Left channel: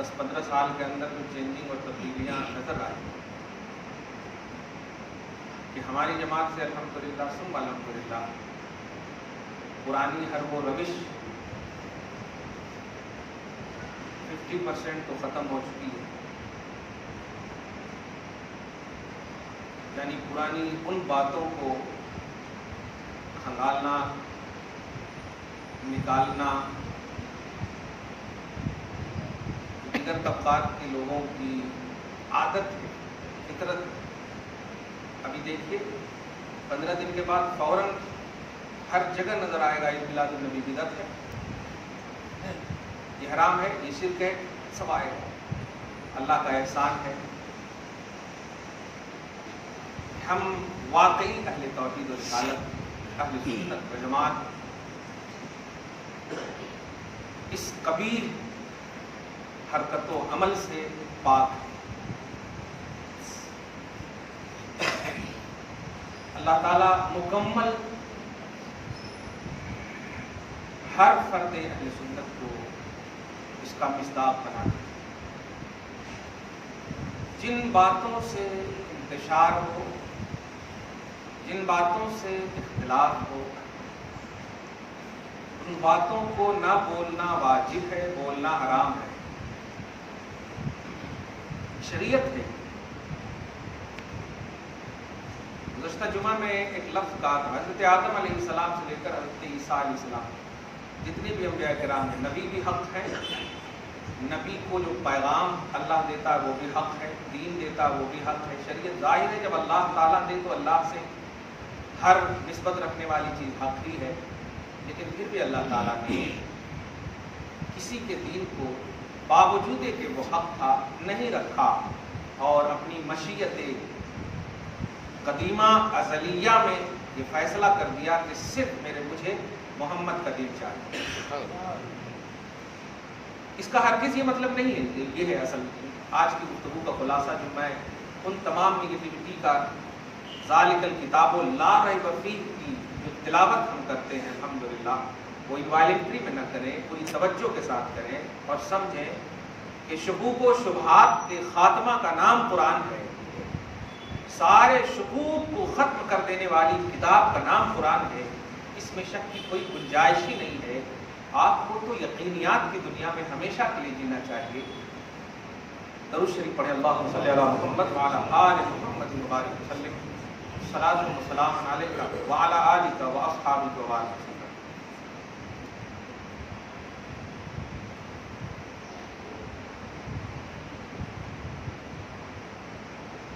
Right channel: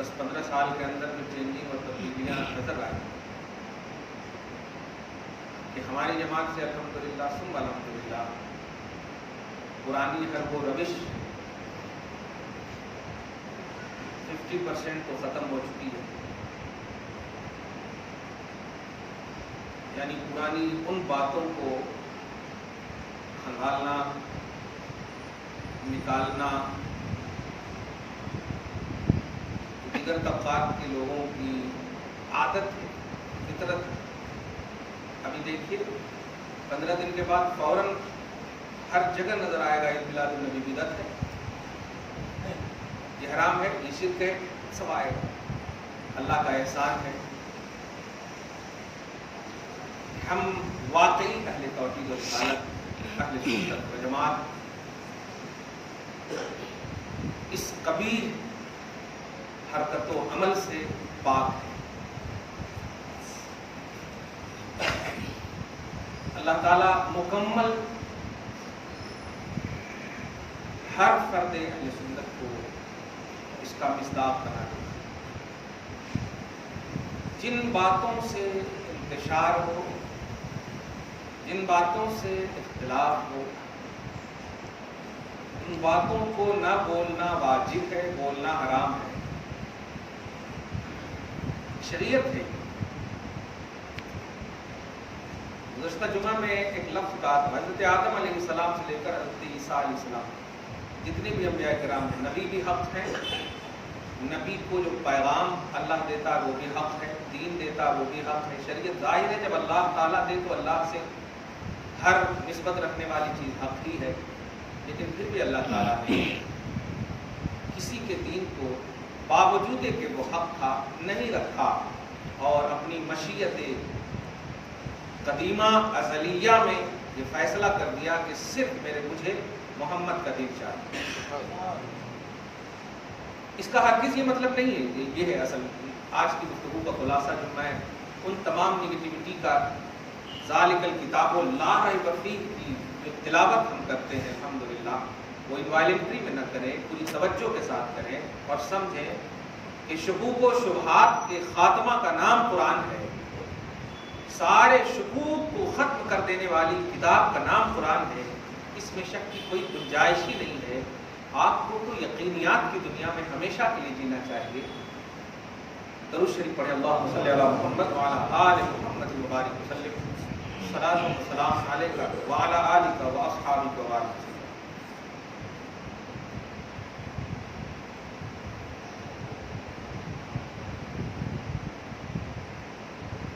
10-15 سال کے اندر جو چینجنگ اور تبدیلیاں نظر آئی کہ ہماری جماعت سے الحمدللہ ثم الحمدللہ پرانی ہر وہ روش 50% تو ختم ہو چکی ہے. یعنی پرانی ان باتوں کو کھنگالنا، نکالنا، دیگر طبقات کے لوگوں کی عادت ہے، فطرت ہے. ابھی دیکھیے 15 دن کے بعد فوراً ہر جگہ نظر آئے گا عید میلاد النبی بدعت ہے، یہ حرام ہے، یہ شرک ہے، سب آئے گا. اللہ کا احسان ہے ہم واقعی اہل توحید و رسالت، اہل سنت و جماعت اس قبیح حرکت و عمل سے پاک ہے. اللہ تعالیٰ مکمل ہر فرد اہل سنت کو اس کا مصداق بنا دے. جن باتوں سے انتشار ہو، جن باتوں سے اختلاف ہو، ان باتوں کو نہ بولنا واجب ہے، بولنا حرام ہے. شریعت ہے. گزشتہ جمعہ میں ایک لفظ کہا تھا، حضرت آدم علیہ السلام سے لے کر حضرت عیسیٰ علیہ السلام جتنے بھی انبیاء کرام ہیں، نبی بھی حق ہیں. نبی کو جو پیغام اللہ دیتا ہے وہ بھی حق ہے، دین دیتا ہے وہ بھی حق ہے. شریعت ظاہر ہے جب اللہ تعالیٰ دے تو اللہ سے ہر نسبت رکھنے والی چیز حق ہی ہے. لیکن پھر بھی اللہ تعالیٰ نے کسی کے دین کو باوجود کہ وہ حق تھا نہیں رکھا اور اپنی مشیت قدیمہ ازلیہ میں یہ فیصلہ کر دیا کہ صرف مجھے محمد کا دین چاہیے. اس کا ہرگز یہ مطلب نہیں ہے. یہ ہے اصل آج کی گفتگو کا خلاصہ جو میں ان تمام نگیٹیوٹی کا ذالک الکتاب لا ریب فیہ کی جو تلاوت ہم کرتے ہیں الحمدللہ وہ انوائلنٹری میں نہ کریں، پوری توجہ کے ساتھ کریں اور سمجھیں کہ شکوک و شبہات کے خاتمہ کا نام قرآن ہے. سارے شکوک کو ختم کر دینے والی کتاب کا نام قرآن ہے. اس میں شک کی کوئی گنجائش ہی نہیں ہے. آپ کو تو یقینیات کی دنیا میں ہمیشہ کے لیے جینا چاہیے. درود شریف پڑھیں. اللہم صلی علی محمد وعلی آل محمد وبارک وسلم. صلاۃ و سلام علیک وعلی آلک واصحابک وبارک وسلم.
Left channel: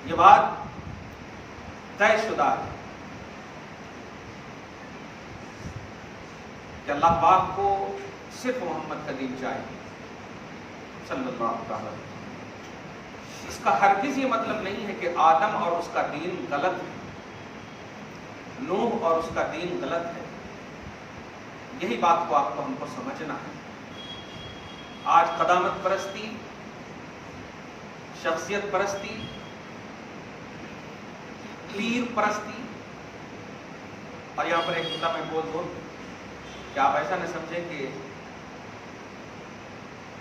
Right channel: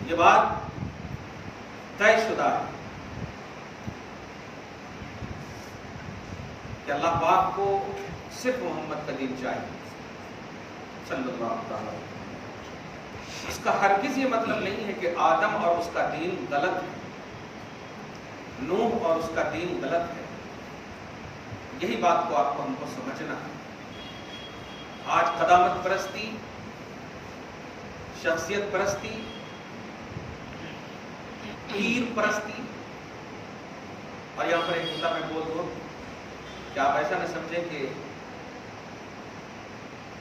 یہ بات طے شدہ ہے کہ اللہ پاک کو صرف محمد کا دین چاہیے صلی اللہ تعالی علیہ وسلم. اس کا ہرگز یہ مطلب نہیں ہے کہ آدم اور اس کا دین غلط ہے، نوح اور اس کا دین غلط ہے. یہی بات کو آپ کو ہم کو سمجھنا ہے. آج قدامت پرستی، شخصیت پرستی، پیر پرستی، اور یہاں پر ایک نقطہ میں بول دوں کہ آپ ایسا نہ سمجھیں کہ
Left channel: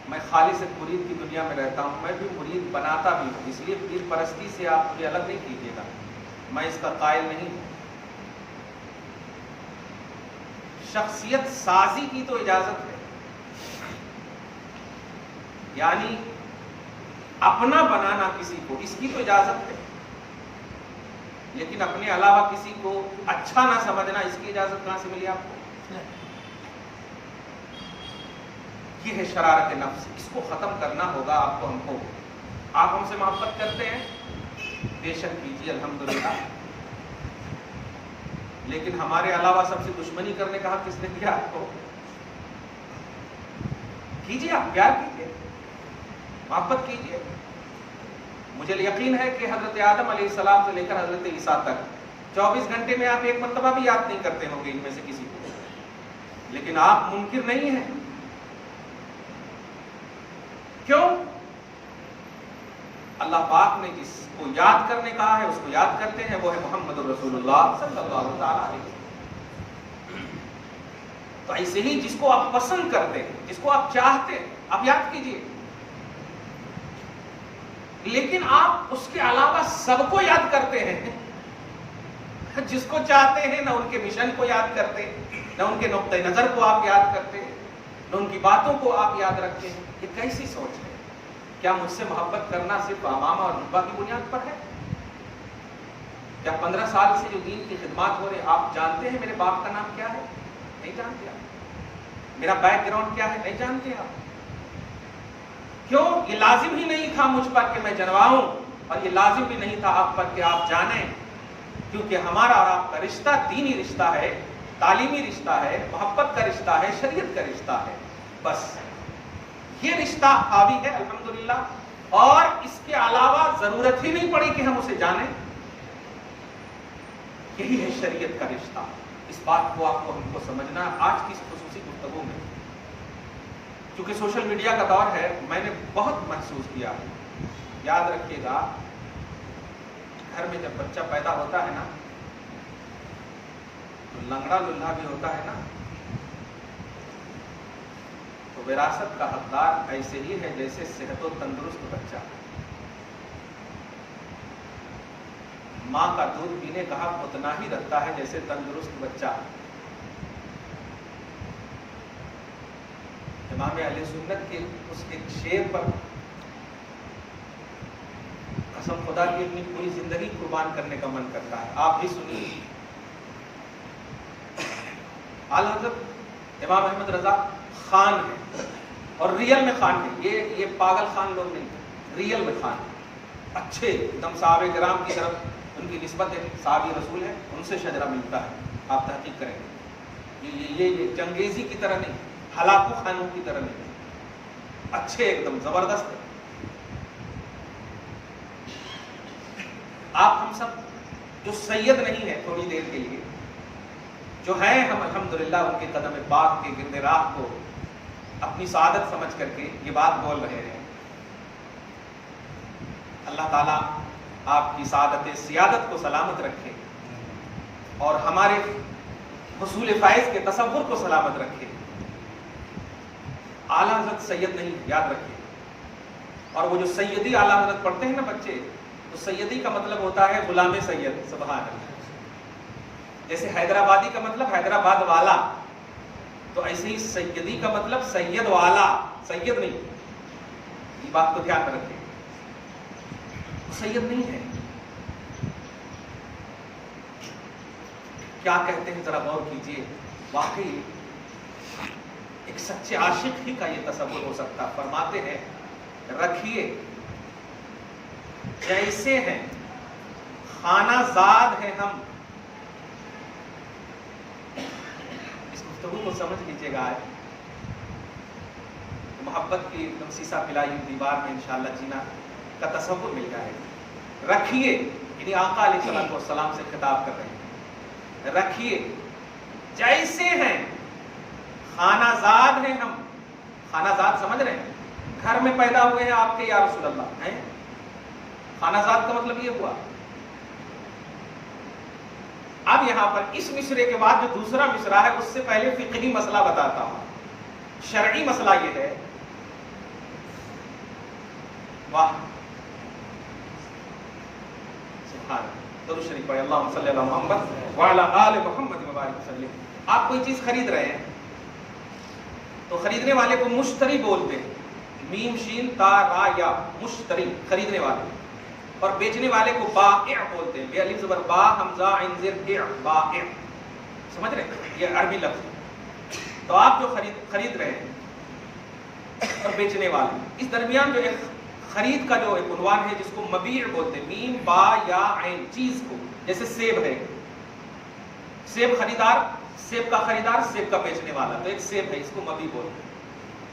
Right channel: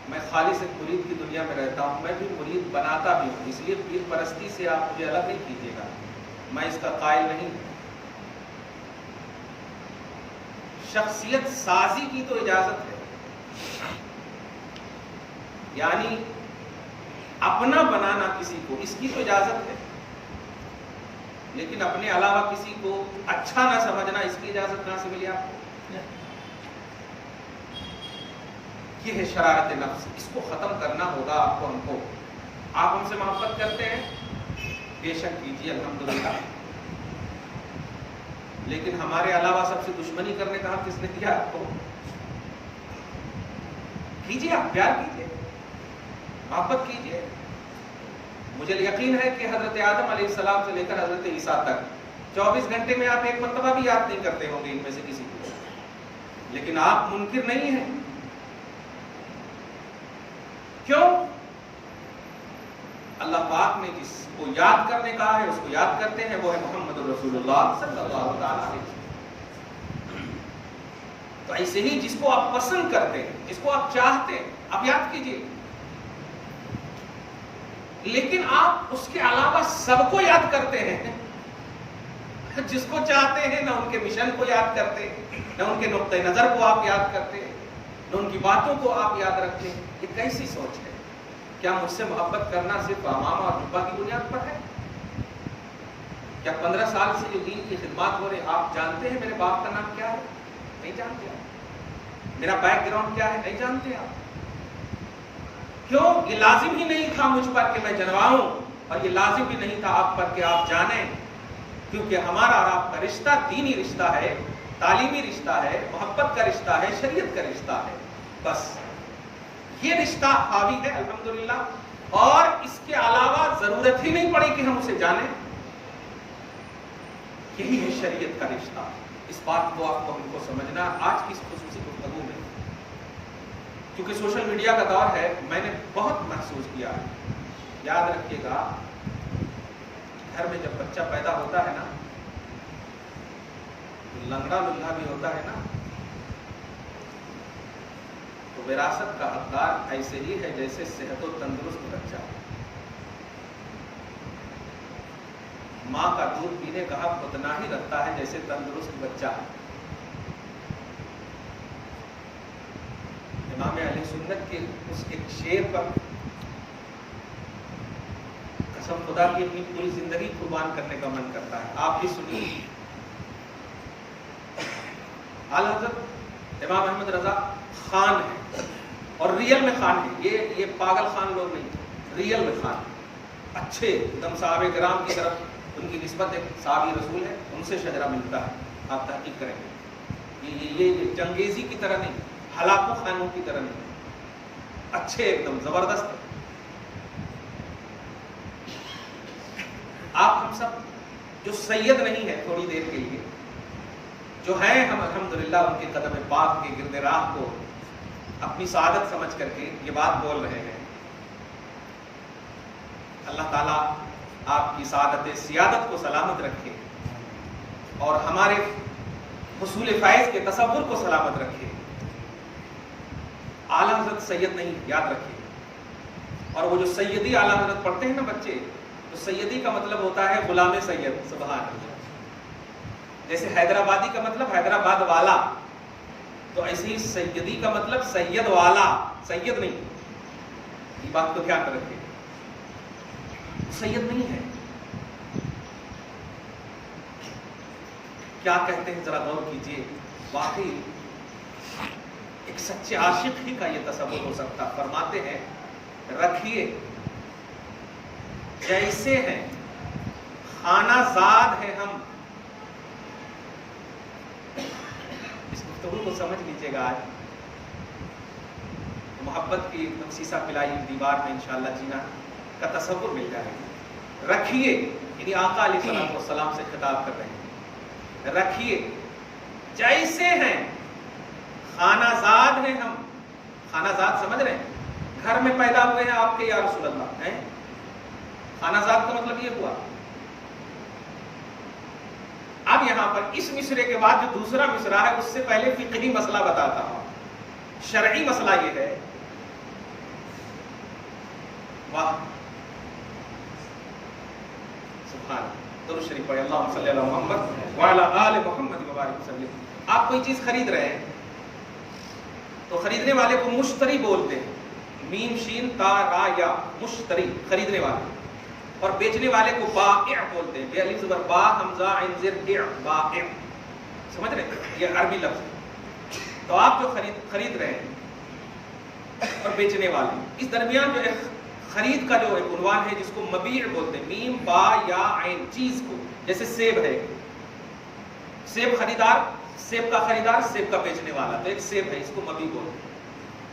میں خالص ایک مرید کی دنیا میں رہتا ہوں. میں بھی مرید بناتا بھی ہوں، اس لیے پیر پرستی سے آپ مجھے الگ نہیں کیجیے گا، میں اس کا قائل نہیں ہوں. شخصیت سازی کی تو اجازت ہے، یعنی اپنا بنانا کسی کو، اس کی تو اجازت ہے. لیکن اپنے علاوہ کسی کو اچھا نہ سمجھنا، اس کی اجازت کہاں سے ملی آپ کو؟ یہ ہے شرارت نفس. اس کو ختم کرنا ہوگا آپ کو، ہم کو. آپ ہم سے محبت کرتے ہیں، بے شک کیجیے الحمدللہ، لیکن ہمارے علاوہ سب سے دشمنی کرنے کا حق کس نے دیا آپ کو؟ کیجیے، آپ پیار کیجیے، محبت کیجیے. مجھے یقین ہے کہ حضرت آدم علیہ السلام سے لے کر حضرت عیسیٰ تک 24 گھنٹے میں آپ ایک مرتبہ بھی یاد نہیں کرتے ہوں گے ان میں سے کسی کو، لیکن آپ منکر نہیں ہیں. کیوں؟ اللہ پاک نے جس کو یاد کرنے کہا ہے اس کو یاد کرتے ہیں، وہ ہے محمد رسول اللہ صلی اللہ تعالی علیہ وسلم. تو ایسے ہی جس کو آپ پسند کرتے ہیں، جس کو آپ چاہتے ہیں، آپ یاد کیجیے. لیکن آپ اس کے علاوہ سب کو یاد کرتے ہیں، جس کو چاہتے ہیں، نہ ان کے مشن کو یاد کرتے، نہ ان کے نقطۂ نظر کو آپ یاد کرتے، نہ ان کی باتوں کو آپ یاد رکھتے ہیں. یہ کیسی سوچ ہے؟ کیا مجھ سے محبت کرنا صرف امامہ اور جبہ کی بنیاد پر ہے؟ کیا 15 سال سے جو دین کی خدمات ہو رہے ہیں، آپ جانتے ہیں میرے باپ کا نام کیا ہے؟ نہیں جانتے آپ. میرا بیک گراؤنڈ کیا ہے؟ نہیں جانتے آپ. کیوں؟ یہ لازم ہی نہیں تھا مجھ پر کہ میں جنواؤں، اور یہ لازم بھی نہیں تھا آپ پر کہ آپ جانیں، کیونکہ ہمارا اور آپ کا رشتہ دینی رشتہ ہے، تعلیمی رشتہ ہے، محبت کا رشتہ ہے، شریعت کا رشتہ ہے. بس یہ رشتہ حاوی ہے الحمدللہ، اور اس کے علاوہ ضرورت ہی نہیں پڑی کہ ہم اسے جانیں. یہی ہے شریعت کا رشتہ. اس بات کو آپ کو ہم کو سمجھنا آج کی اس خصوصی گفتگو میں. کیونکہ سوشل میڈیا کا دور ہے، میں نے بہت محسوس کیا. یاد رکھیے گا، گھر میں جب بچہ پیدا ہوتا ہے نا، تو لنگڑا للہ بھی ہوتا ہے نا، تو وراثت کا حقدار ایسے ہی ہے جیسے صحت و تندرست بچہ. ماں کا دودھ پینے کا حق اتنا ہی رکھتا ہے جیسے تندرست بچہ. امام اہل سنت کے اس ایک شعر پر قسم خدا کی اپنی پوری زندگی قربان کرنے کا من کرتا ہے. آپ بھی سنیے. اعلی حضرت امام احمد رضا خان ہے، اور ریئل میں خان ہے. یہ پاگل خان لوگ نہیں، ریئل میں خان. اچھے ایک دم صحابہ کرام کی طرف ان کی نسبت ایک صحابی رسول ہے، ان سے شجرہ ملتا ہے. آپ تحقیق کریں گے. یہ چنگیزی کی طرح نہیں، ہلاکو خانوں کی طرح نہیں، اچھے ایک دم زبردست ہے. آپ ہم سب جو سید نہیں ہے تھوڑی دیر کے لیے، جو ہیں ہم الحمدللہ ان کے قدم پاک کے گرد راہ کو اپنی سعادت سمجھ کر کے یہ بات بول رہے ہیں. اللہ تعالیٰ آپ کی سعادت سیادت کو سلامت رکھے، اور ہمارے حصول فائز کے تصور کو سلامت رکھے. اعلیٰ حضرت سید نہیں، یاد رکھیے. اور وہ جو سیدی اعلیٰ حضرت پڑھتے ہیں نا بچے، تو سیدی کا مطلب ہوتا ہے غلام سید. سبحان اللہ. جیسے حیدرآبادی کا مطلب حیدرآباد والا، تو ایسے ہی سیدی کا مطلب سید والا، سید نہیں. یہ بات کو دھیان میں رکھیے. سید نہیں ہے. کیا کہتے ہیں ذرا غور کیجئے. واقعی ایک سچے عاشق ہی کا یہ تصور ہو سکتا. فرماتے ہیں رکھیے جیسے ہیں خانہ زاد ہیں ہم. اس گفتگو کو سمجھ لیجیے گا. محبت کی سیسا پلائی دیوار میں انشاءاللہ جینا کا تصور مل جائے گا. رکھیے یعنی آقا علیہ السلام سے خطاب کر رہے ہیں. رکھیے جیسے ہیں خانہ زاد ہیں ہم. خانہ زاد سمجھ رہے ہیں؟ گھر میں پیدا ہوئے ہیں آپ کے یا رسول اللہ ہیں. خانہ زاد کا مطلب یہ ہوا. اب یہاں پر اس مصرے کے بعد جو دوسرا مصرع ہے، اس سے پہلے فقہی مسئلہ بتاتا ہوں. شرعی مسئلہ یہ ہے. واہ سبحان درود شریف پڑھیں. اللہم صلی علی محمد وعلی آل محمد وبارک وسلم. آپ کوئی چیز خرید رہے ہیں تو خریدنے والے کو مشتری بولتے ہیں. میم شین تا را یا، مشتری خریدنے والے. اور بیچنے والے کو بائع بولتے ہیں. بے الف زبر با حمزہ عین زر اع، بائع. سمجھ رہے؟ یہ عربی لفظ. تو آپ جو خرید رہے ہیں اور بیچنے والے، اس درمیان جو ایک خرید کا جو ایک عنوان ہے جس کو مبیع بولتے ہیں. میم با یا عین، چیز کو. جیسے سیب ہے، سیب خریدار، سیب کا خریدار، سیب کا بیچنے والا. تو ایک سیب ہے، اس کو مبیع بولتے ہیں.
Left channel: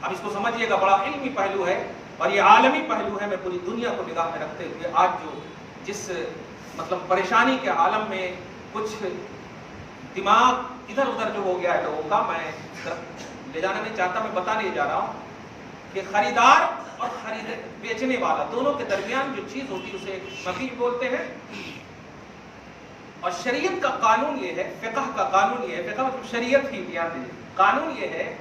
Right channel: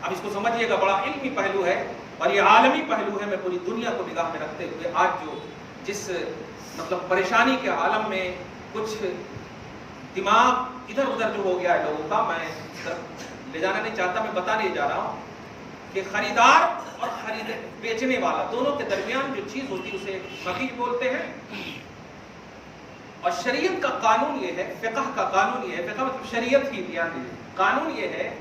اب اس کو سمجھیے گا، بڑا علمی پہلو ہے اور یہ عالمی پہلو ہے. میں پوری دنیا کو نگاہ میں رکھتے ہوئے آج جو جس مطلب پریشانی کے عالم میں کچھ دماغ ادھر ادھر جو ہو گیا ہے لوگوں کا، میں لے جانا نہیں چاہتا، میں بتا نہیں جا رہا ہوں کہ خریدار اور بیچنے والا دونوں کے درمیان جو چیز ہوتی ہے اسے مبیع بولتے ہیں. اور شریعت کا قانون یہ ہے، فقہ کا قانون یہ ہے، فقہ مطلب شریعت ہی، دھیان دیجیے. قانون یہ ہے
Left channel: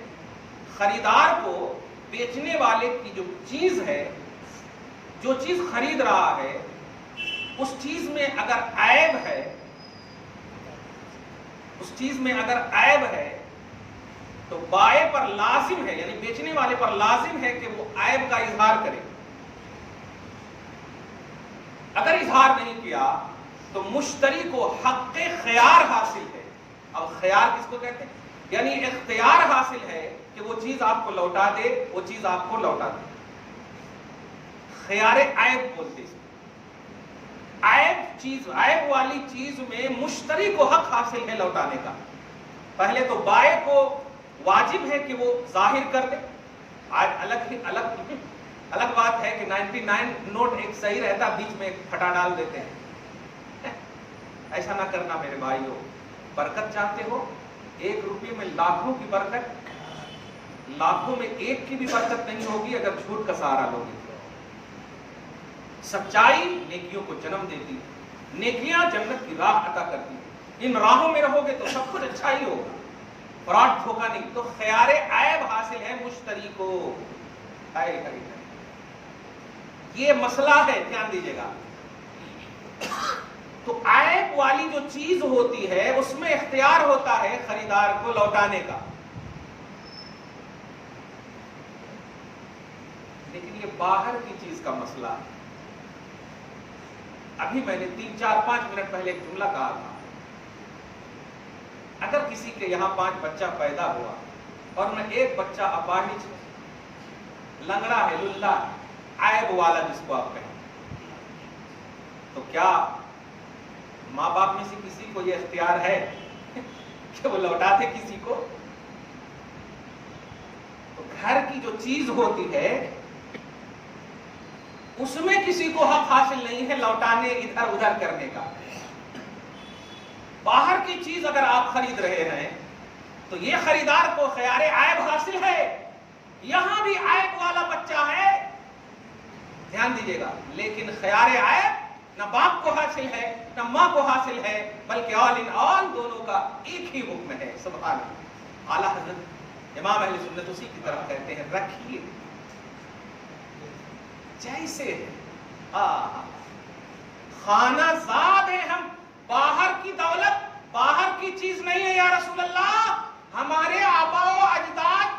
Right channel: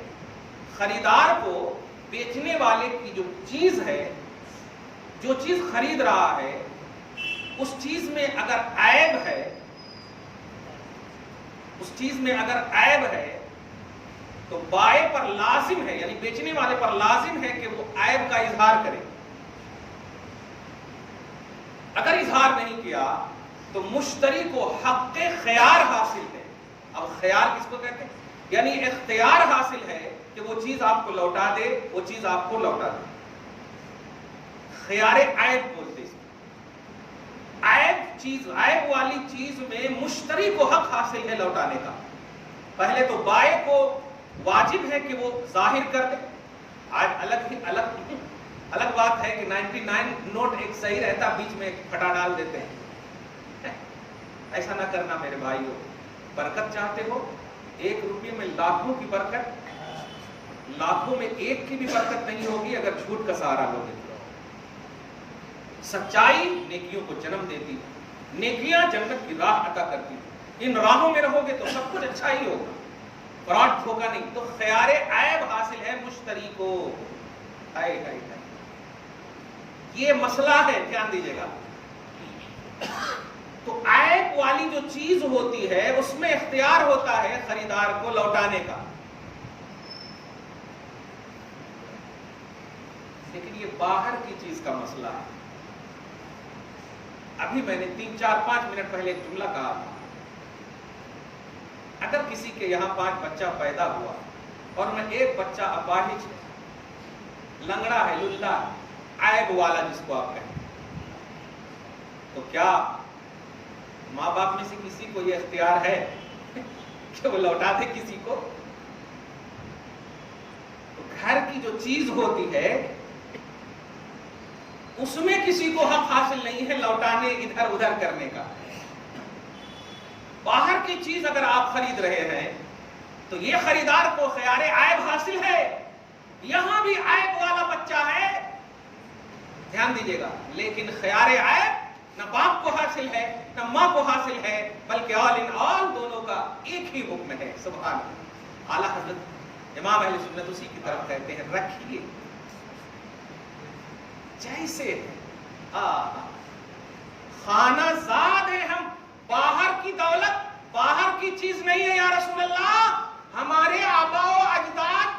خریدار کو بیچنے والے کی جو چیز ہے جو چیز خرید رہا ہے اس چیز میں اگر عیب ہے، اس چیز میں اگر عیب ہے تو بائع پر لازم ہے، یعنی بیچنے والے پر لازم ہے کہ وہ عیب کا اظہار کرے۔ اگر اظہار نہیں کیا تو مشتری کو حق خیار حاصل ہے۔ اب خیار کس کو کہتے ہیں؟ یعنی اختیار حاصل ہے کہ وہ چیز آپ کو لوٹا دے، وہ چیز آپ کو لوٹا دے۔ خیار عیب بولتے ہیں۔ عیب والی چیز میں مشتری کو حق حاصل ہے لوٹانے کا۔ پہلے تو بائع کو واجب ہے کہ وہ ظاہر کر دے۔ آج الگ بات ہے کہ 99 نوٹ ایک صحیح رہتا، بیچ میں ایک پھٹا ڈال دیتے ہیں۔ ایسا نہ کرنا میرے بھائیو۔ برکت چاہتے ہو؟ 1 روپے میں لاکھوں کی برکت، لاکھوں میں ایک کی بھی برکت نہیں ہوگی اگر جھوٹ کا سہارا لوگے۔ سچائی نیکیوں کو جنم دیتی ہے، نیکیاں جنت کی راہ عطا کرتی ہیں۔ ان راہوں میں رہو گے تو سب کچھ اچھا ہی ہوگا، فراڈ دھوکہ نہیں۔ تو خیار عیب حاصل ہے مشتری کو۔ یہ مسئلہ ہے، دھیان دیجیے گا۔ تو عیب والی جو چیز ہوتی ہے اس میں اختیار ہوتا ہے خریدار کو لوٹانے کا۔ لیکن یہ باہر کی چیز کا مسئلہ ہے۔ ابھی میں نے 3-4-5 منٹ پہلے ایک جملہ کہا تھا، اگر کسی کے یہاں 5 بچہ پیدا ہوا اور میں ایک بچہ اپاہج ہے، لنگڑا ہے، للہ، عیب والا جس کو آپ کہیں، تو کیا ماں باپ میں سے کسی کو یہ اختیار ہے کہ وہ لوٹا دے کسی کو؟ تو گھر کی جو چیز ہوتی ہے اس میں کسی کو حق حاصل نہیں ہے لوٹانے، ادھر ادھر کرنے کا۔ باہر کی چیز اگر آپ خرید رہے ہیں تو یہ خریدار کو خیار عیب حاصل ہے۔ یہاں بھی عیب والا بچہ ہے، دھیان دیجیے گا، لیکن خیار عیب نہ باپ کو حاصل ہے نہ ماں کو حاصل ہے، بلکہ آل ان آل دونوں کا ایک ہی حکم ہے۔ سبحان اللہ۔ اعلیٰ حضرت امام اہل سنت اسی کی طرف کہتے ہیں، رکھیے جیسے خانہ زاد ہے ہم، باہر کی دولت، باہر کی چیز نہیں ہے یا رسول اللہ۔ ہمارے آبا و اجداد،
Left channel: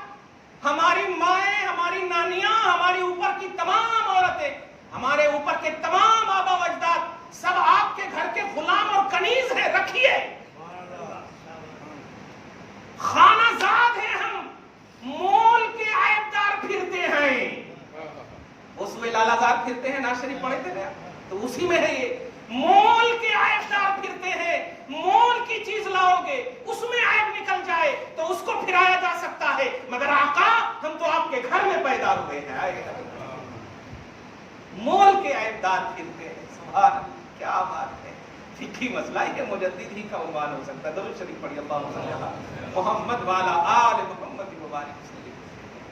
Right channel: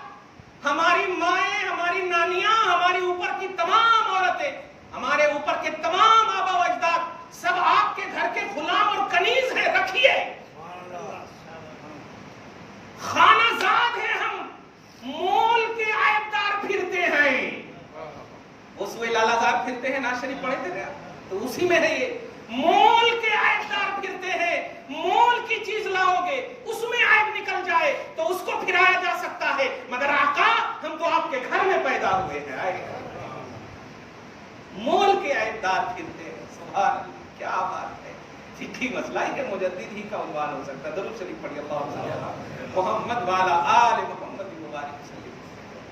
ہماری مائیں، ہماری نانیاں، ہمارے اوپر کی تمام عورتیں، ہمارے اوپر کے تمام آبا و اجداد سب آپ کے گھر کے غلام اور کنیز ہیں، رکھیے۔ خانہ زاد ہیں ہم، مول کے عیبدار پھرتے ہیں۔ اس میں لالا زار پھرتے ہیں، ناز شریف پڑھے تھے تو اسی میں ہے یہ، مول کے عیبدار پھرتے ہیں۔ مول کی چیز لاؤ گے اس میں عیب نکل جائے تو اس کو پھرایا جا سکتا ہے، مگر آقا ہم تو آپ کے گھر میں پیدا ہوئے ہیں، مول کے عیبدار پھرتے ہیں۔ سبحان اللہ، کیا بات ہے۔ فقہی مسئلہ ہے، مجدد ہی کا عنوان ہو سکتا ہے۔ درود شریف پڑھیے، اللہم صلی علی محمد وعلی آل محمد مبارک وسلم۔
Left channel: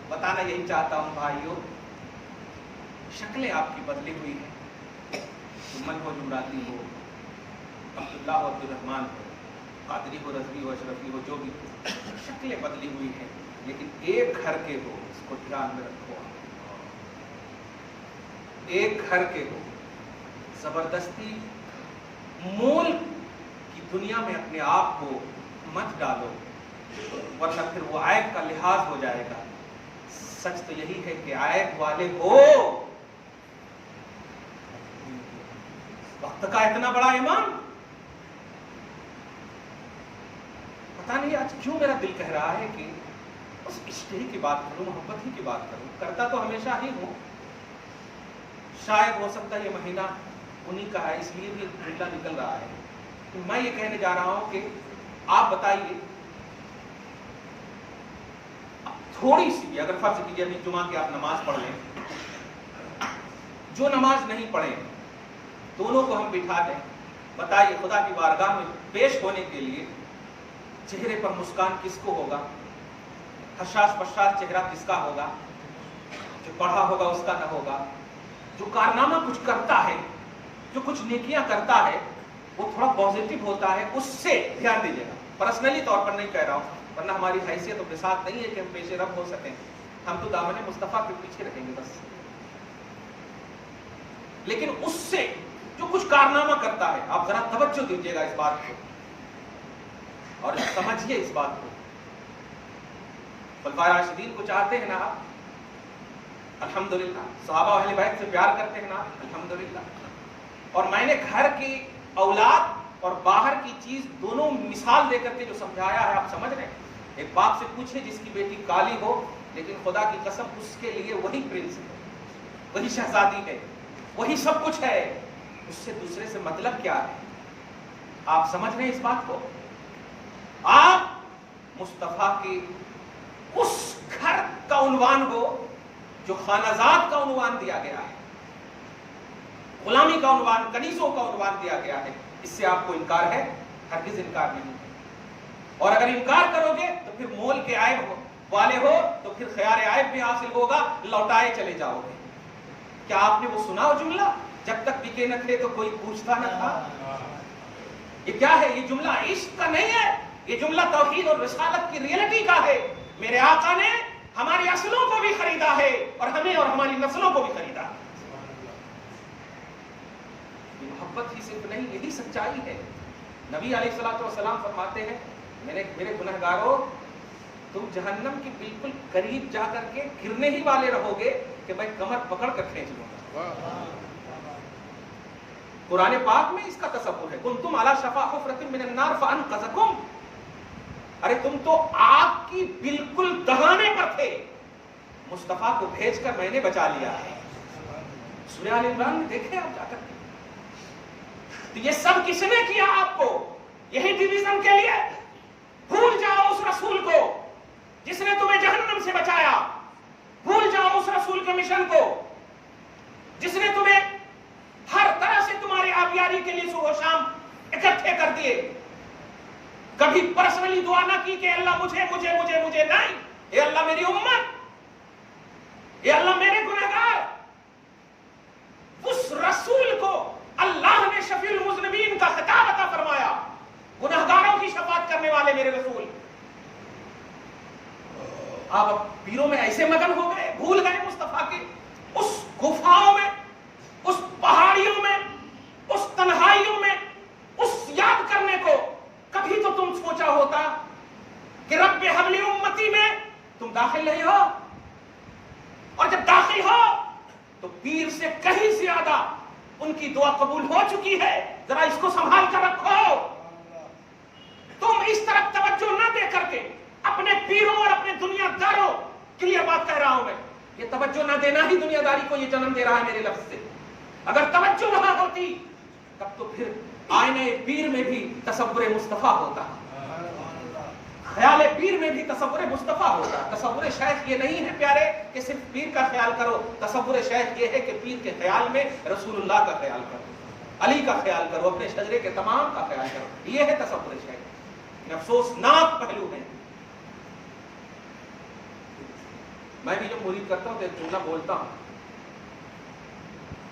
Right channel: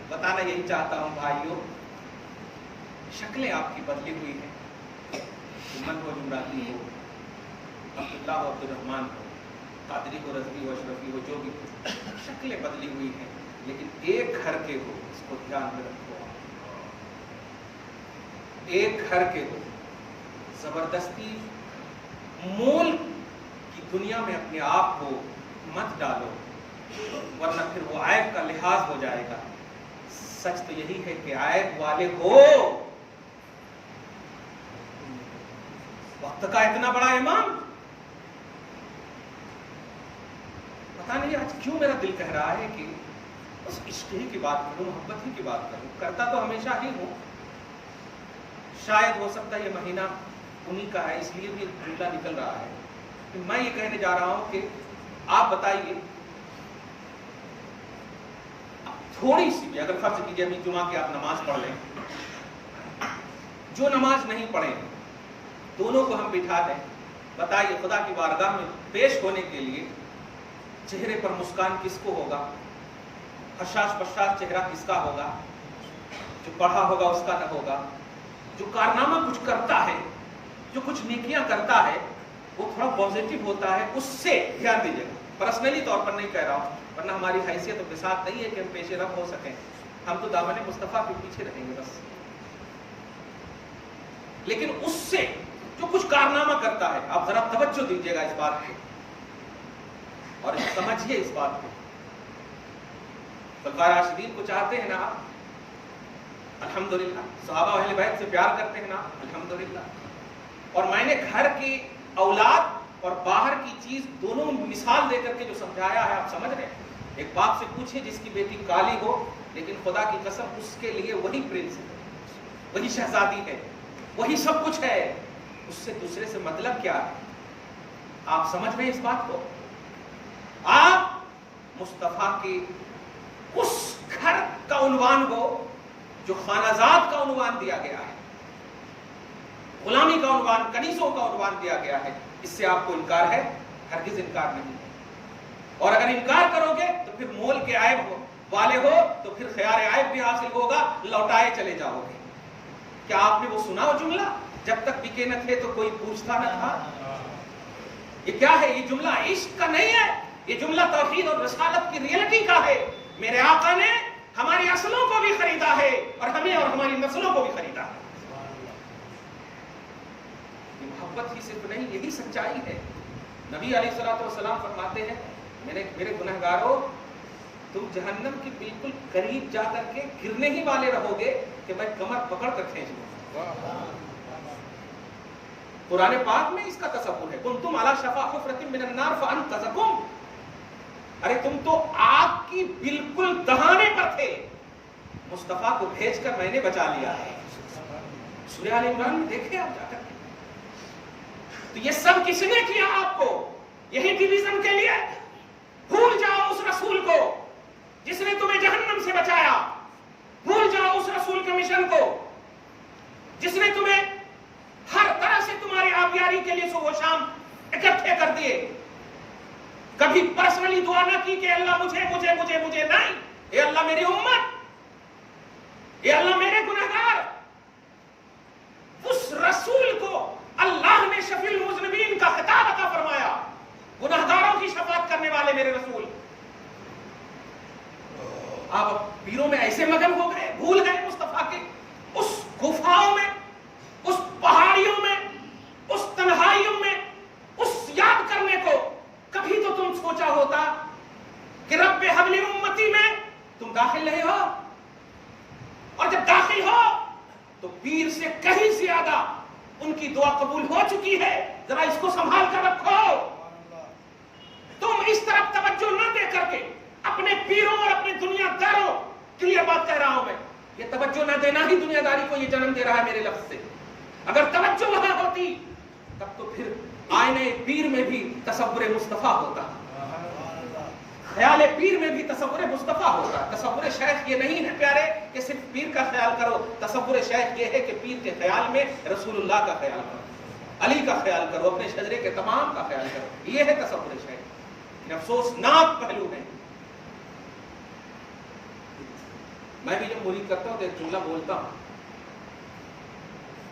بتانا یہی چاہتا ہوں بھائیوں، شکلیں آپ کی بدلی ہوئی ہیں، من ہو، جمراتی ہو، عبداللہ ہو، عبد الرحمن ہو، قادری ہو، رضوی ہو، اشرفی ہو، جو بھی ہو، شکلیں بدلی ہوئی ہیں، لیکن ایک گھر کے ہو، اس کو دھیان میں رکھو۔ ایک گھر کے ہو، زبردستی مول کی دنیا میں اپنے آپ کو مت ڈالو، ورنہ پھر وہ عیب کا لحاظ ہو جائے گا۔ سچ تو یہی ہے کہ عیب والے ہو۔ وقت کا اتنا بڑا امام، پتہ نہیں آج کیوں میرا دل کہہ رہا ہے کہ اس عشق ہی کی بات کروں، محبت ہی کی بات کروں۔ کرتا تو ہمیشہ ہی ہوں، شاید ہو سکتا ہے یہ مہینہ انہی کا ہے، اس لیے بھی جملہ نکل رہا ہے کہ میں یہ کہنے جا رہا ہوں کہ آپ بتائیے، تھوڑی سی بھی، اگر فرض کیجیے ابھی جمعہ کی آپ نماز پڑھ لیں، جو نماز نہیں پڑھے دونوں کو ہم بٹھا دیں، بتائیے خدا کی بارگاہ میں پیش ہونے کے لیے چہرے پر مسکان کس کو ہوگا؟ حشاش بشاش چہرہ کس کا ہوگا؟ جو پڑھا ہوگا اس کا نہ ہوگا؟ جو کارنامہ کچھ کرتا ہے، جو کچھ نیکیاں کرتا ہے، وہ تھوڑا پازیٹیو ہوتا ہے، اس سے دھیان دیجیے گا۔ پرسنلی طور پر نہیں کہہ رہا ہوں، ورنہ ہماری حیثیت کے ساتھ نہیں ہے کہ ہم پیش رفت ہو سکیں، ہم تو دامن مصطفیٰ کے پیچھے رہیں گے بس۔ لیکن اس سے جو کچھ کارنامہ کرتا ہے، آپ ذرا توجہ دیجیے گا اس بات کو اور سمجھیے اس بات کو. خلفائے راشدین کو چاہتے ہیں نا آپ؟ الحمدللہ. صحابہ و اہل بیت سے پیار کرتے ہیں نا؟ الحمدللہ. اور میں نے گھر کی اولاد اور باہر کی چیز دونوں مثال دے کر کے جو سمجھایا ہے آپ سمجھ رہے ہیں. ایک باپ سے پوچھے جس کی بیٹی کالی ہو لیکن خدا کی قسم اس کے لیے وہی پرنس ہے، وہی شہزادی ہے، وہی سب کچھ ہے، اس سے دوسرے سے مطلب کیا ہے؟ آپ سمجھ رہے ہیں اس بات کو؟ آپ مصطفیٰ کی اس گھر کا عنوان ہو جو خانہ زاد کا عنوان دیا گیا ہے، غلامی کا عنوان، کنیزوں کا عنوان دیا گیا ہے. اس سے آپ کو انکار ہے؟ ہرگز انکار نہیں ہے. اور اگر انکار کرو گے تو پھر مول کے عیب والے ہو تو پھر خیار عیب بھی حاصل ہوگا، لوٹائے چلے جاؤ گے. کیا آپ نے وہ سنا ہو جملہ، جب تک بکے نہ تھے تو کوئی پوچھتا نہ تھا؟ یہ کیا ہے؟ یہ جملہ عشق کا نہیں ہے، یہ جملہ توحید اور رسالت کی ریئلٹی کا ہے. میرے آقا نے ہماری اصلوں کو بھی خریدا ہے اور ہمیں اور ہماری نسلوں کو بھی خریدا ہے. یہ محبت ہی صرف نہیں، یہی سچائی ہے. نبی علیہ الصلوۃ والسلام فرماتے ہیں میرے گنہگاروں، تم جہنم کے بالکل قریب جا کر کے گرنے ہی والے رہو گے کہ میں کمر پکڑ کر کھینچ لوں گا. قرآن پاک میں اس کا تصور ہے، کنتم علی شفا حفرۃ من النار فانقذکم. ارے تم تو آگ کی بالکل دہانے پر تھے، مصطفیٰ کو بھیج کر میں نے بچا لیا ہے. سورہ آل عمران میں دیکھیں آپ جا کر کے. تو یہ سب کس نے کیا آپ کو؟ یہی ڈویژن کے لیے؟ بھول جاؤ اس رسول کو جس نے تمہیں جہنم سے بچایا. بھول جاؤ اس رسول کے مشن کو جس نے تمہیں ہر طرح سے تمہاری آبیاری کے لیے صبح و شام اکٹھے کر دیے. کبھی پرسنلی دعا نہ کی کہ اللہ مجھے مجھے مجھے مجھے نہیں. اے اللہ میری امت، اے اللہ میرے گنہگار. اس رسول کو اللہ نے شفیع المذنبین کا خطاب عطا فرمایا، گنہگاروں کی شفاعت کرنے والے میرے رسول. آپ پیروں میں ایسے مگن ہو گئے، بھول گئے مصطفیٰ کے اس گفاؤں میں، اس پہاڑیوں میں، اس تنہائیوں میں اس یاد کرنے کو. کبھی تو تم سوچا ہوتا کہ رب حبل امتی میں تم داخل نہیں ہو، اور جب داخل ہو تو پیر سے کہیں زیادہ ان کی دعا قبول ہو چکی ہے. ذرا اس کو سنبھال کر رکھو. تم اس طرف توجہ نہ دے کر کے اپنے پیروں اور اپنے دنیا داروں کے لیے بات کہہ رہا ہوں میں. یہ توجہ نہ دینا ہی دنیا داری کو یہ جنم دے رہا ہے میرے لفظ سے. اگر توجہ وہاں ہوتی تب تو پھر آئینے پیر میں بھی تصور مصطفیٰ ہوتا، خیال پیر میں بھی تصور مصطفیٰ ہوتا. تصور شیخ یہ نہیں ہے پیارے کہ صرف پیر کا خیال کرو. تصور شیخ یہ ہے کہ پیر کے خیال میں رسول اللہ کا خیال کرو، علی کا خیال کرو، اپنے شجرے کے تمام کا خیال کرو. یہ ہے تصور شیخ. افسوسناک پہلو ہے. میں بھی جب مرید کرتا ہوں تو ایک جملہ بولتا ہوں.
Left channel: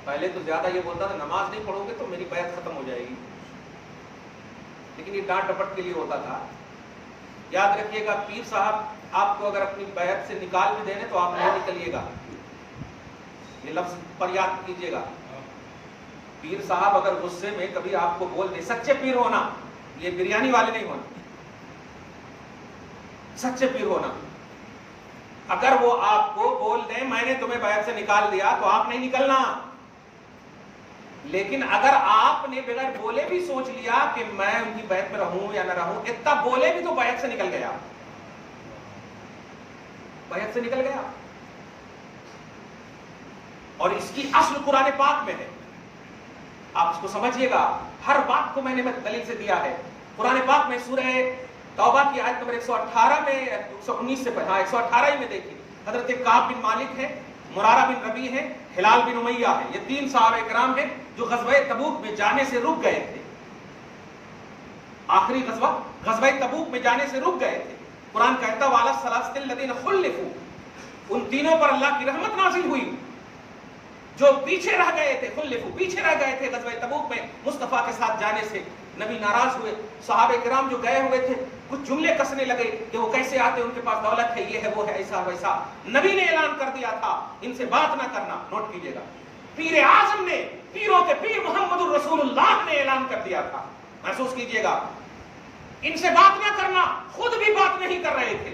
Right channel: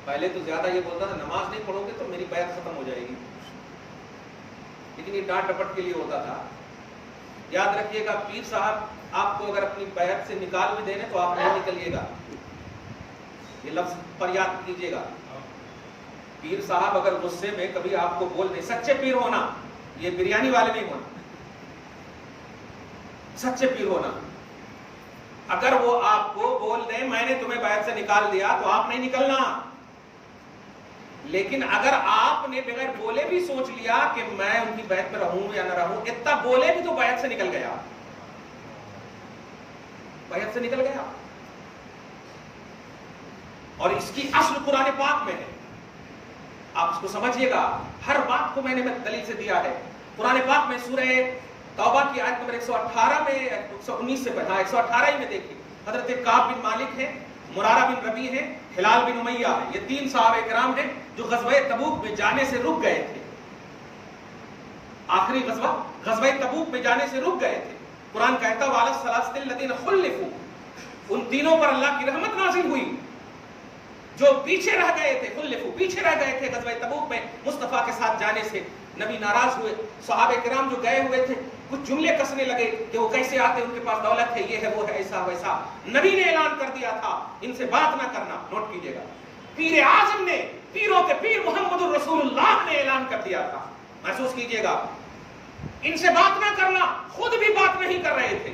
پہلے تو زیادہ یہ بولتا تھا نماز نہیں پڑھو گے تو میری بیعت ختم ہو جائے گی، لیکن یہ ڈانٹ ڈپٹ کے لیے ہوتا تھا. یاد رکھیے گا پیر صاحب آپ کو اگر اپنی بیعت سے نکال بھی دینے تو آپ نہیں نکلیے گا. یہ لفظ پر یاد کیجیے گا. پیر صاحب اگر غصے میں کبھی آپ کو بول دے، سچے پیر ہونا، یہ بریانی والے نہیں ہونا، سچے پیر ہونا. اگر وہ آپ کو بول دیں میں نے تمہیں بیعت سے نکال دیا تو آپ نہیں نکلنا. لیکن اگر آپ نے بغیر بولے بھی سوچ لیا کہ میں ان کی بیعت میں رہوں یا نہ رہوں، اتنا بولے بھی تو بیعت سے نکل گیا، بیعت سے نکل گیا. اور اس کی اصل قرآن پاک میں ہے. آپ اس کو سمجھیے گا. ہر بات کو میں نے دلیل سے دیا ہے. قرآن پاک میں سورہ توبہ کی آیت نمبر 118 میں 119 سے پڑھا، 118 ہی میں دیکھیے. حضرت کعب بن مالک ہے، مرارہ بن ربیع ہے، ہلال بن امیہ ہے. یہ تین صحابہ کرام ہیں جو غزوہ تبوک میں جانے سے رک گئے تھے. آخری غزوہ تبوک میں جانے سے رک گئے تھے. قرآن کہتا وعلی الثلاثۃ الذین خلفوا، ان تینوں پر اللہ کی رحمت نازل ہوئی جو پیچھے رہ گئے تھے. خلفوا، پیچھے رہ گئے تھے غزوہ تبوک میں مصطفیٰ کے ساتھ جانے سے. نبی ناراض ہوئے. صحابہ کرام جو گئے ہوئے تھے کچھ جملے کسنے لگے کہ وہ کیسے آتے، ان کے پاس دولت ہے، یہ ہے وہ ہے، ایسا ویسا. نبی نے اعلان کر دیا تھا ان سے بات نہ کرنا. نوٹ کیجیے گا. پیر اعظم نے، پیروں کے پیر محمد الرسول اللہ نے اعلان کر دیا تھا. محسوس کیجئے گا، ان سے بات نہ کرنا، خود بھی بات نہیں کر رہے تھے.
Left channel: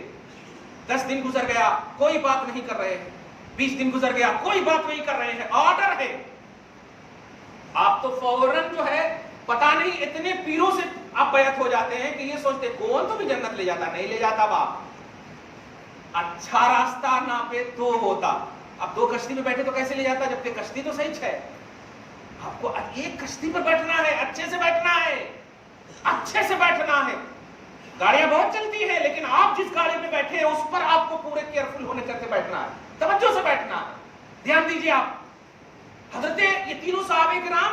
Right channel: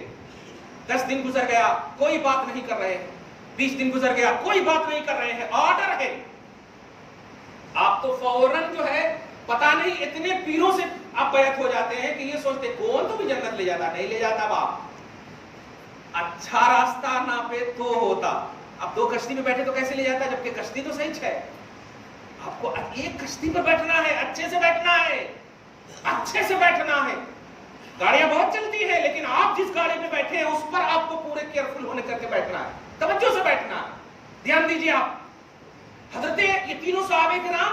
10 دن گزر گیا کوئی بات نہیں کر رہے ہیں، 20 دن گزر گیا کوئی بات نہیں کر رہے ہیں. آرڈر ہے. آپ تو فوراً جو ہے پتا نہیں اتنے پیروں سے آپ بیعت ہو جاتے ہیں کہ یہ سوچتے کون تو بھی جنت لے جاتا. نہیں لے جاتا باپ. اچھا راستہ نہ پہ تو ہوتا. اب 2 کشتی میں بیٹھے تو کیسے لے جاتا جبکہ کشتی تو صحیح ہے. آپ کو ایک کشتی پر بیٹھنا ہے، اچھے سے بیٹھنا ہے، اچھے سے بیٹھنا ہے. گاڑیاں بہت چلتی ہیں لیکن آپ جس گاڑی میں بیٹھے ہیں اس پر آپ کو پورے کیئرفل ہونے کر کے بیٹھنا ہے، توجہ سے بیٹھنا ہے. دھیان دیجیے آپ. حضرت یہ تینوں صحابہ کرام